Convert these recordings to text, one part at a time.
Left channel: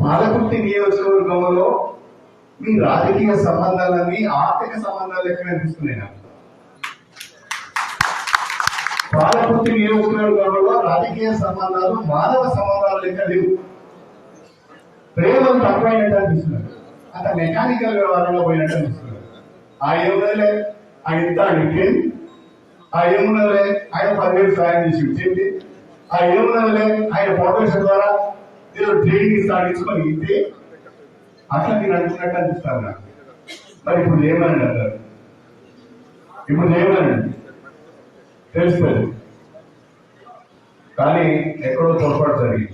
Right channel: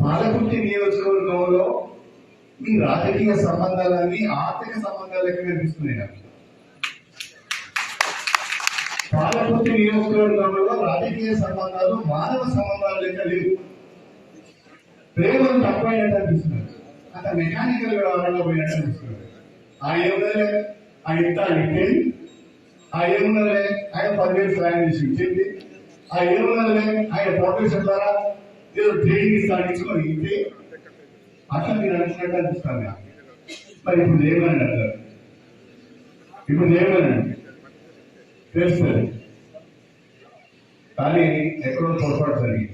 పాలకుర్తి నియోజకవర్గంలో మీ రాజకీయ సంబంధాలన్నీ ఆర్థిక సంబంధాలు లెక్క కనిపిస్తున్నాయి నాకు. పాలకుర్తి నియోజకవర్గంలో రాజకీయ సంబంధాలు మానవ సంబంధాలు లెక్క లేవు. ప్రేమలు తక్కువైనట్టు అనిపిస్తున్నారు అంత మెకానికల్ వ్యవహారంలో పోయినట్టు అనిపిస్తున్నారు ఆ ఏమున్నదిలే ఆయన ఇంత ఆయన ఆ ఏమున్నదిలే ఆయన పదివేలు సాయం చేసి ఇచ్చింది. ఆ ఏమున్నదిలే ఆయన ఫౌండేషన్ ద్వారా ఏదో ట్రైనింగ్ ఇస్తాడు ఇచ్చుకొని ఇస్తే అట్లా మీరు అనుకున్నట్టు అనిపిస్తారు నాకు. మరి ఇప్పుడు ఏమని అంటారు. ఇప్పుడు ఏమని తెలుస్తుంది. కానీ ఎక్కడో పొరపాటు జరిగింది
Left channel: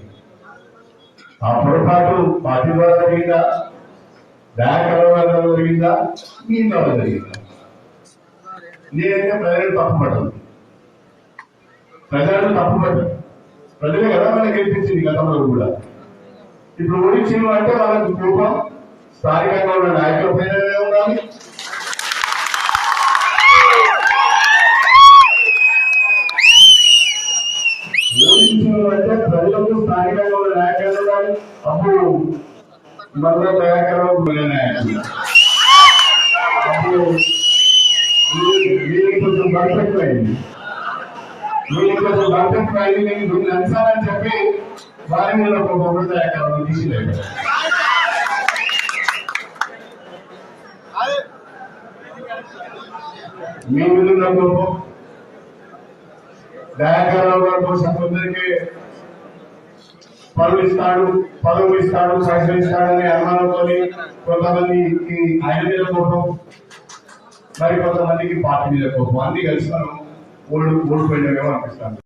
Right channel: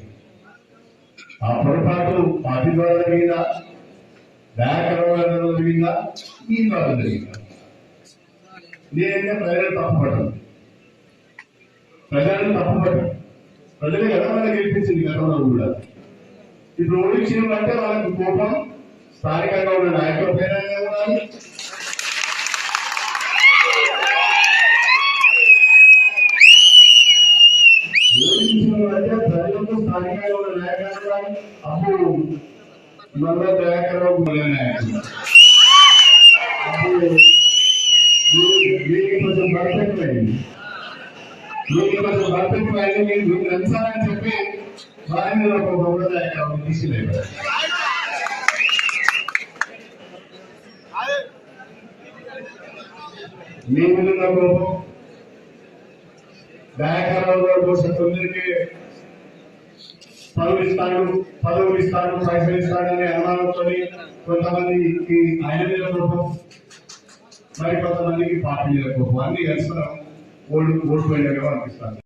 ఆ పొరపాటు పార్టీ ద్వారా జరిగిందా వ్యాకరణ ద్వారా జరిగిందా మీ ద్వారా జరిగిందా నేనైతే ప్రజలను తప్పుపడ్డాను ప్రజలను తప్పుపడ్డాను ప్రజలే కదా మనకి గెలిపించింది గతంలో కూడా. ఇప్పుడు ఓడించిన అంటే వాళ్ళకి కోపం స్థానికంగా ఉన్న నాయకుల పైన ఉండాలి? అంటే ప్రజలకు స్థానికంగా ఉన్న నాయకులు ఉండాలి? అప్పుడు మల్ల దయాకరం నాయకులు. అప్పుడు వీళ్ళకి- కొంచెం పర్ఫెక్ట్ అయింది వీళ్ళకి కొంచెం పర్ఫెక్ట్ అయింది మీకు వీళ్ళు తీసిలేదు మీ విధంగా ఉన్న దయాకరావు కోసం కొందరికి పనులు ఇస్తాడు పదవులు ఇస్తాడు సహకరిస్తాడని ఇస్తాడని అనుమానంతో కొంతమందికి ఆయన మీద కోపం మరి కొంతమందికి పార్టీ మీద కోపం అన్ని కలిసి మనం ఓడి అనిపిస్తాను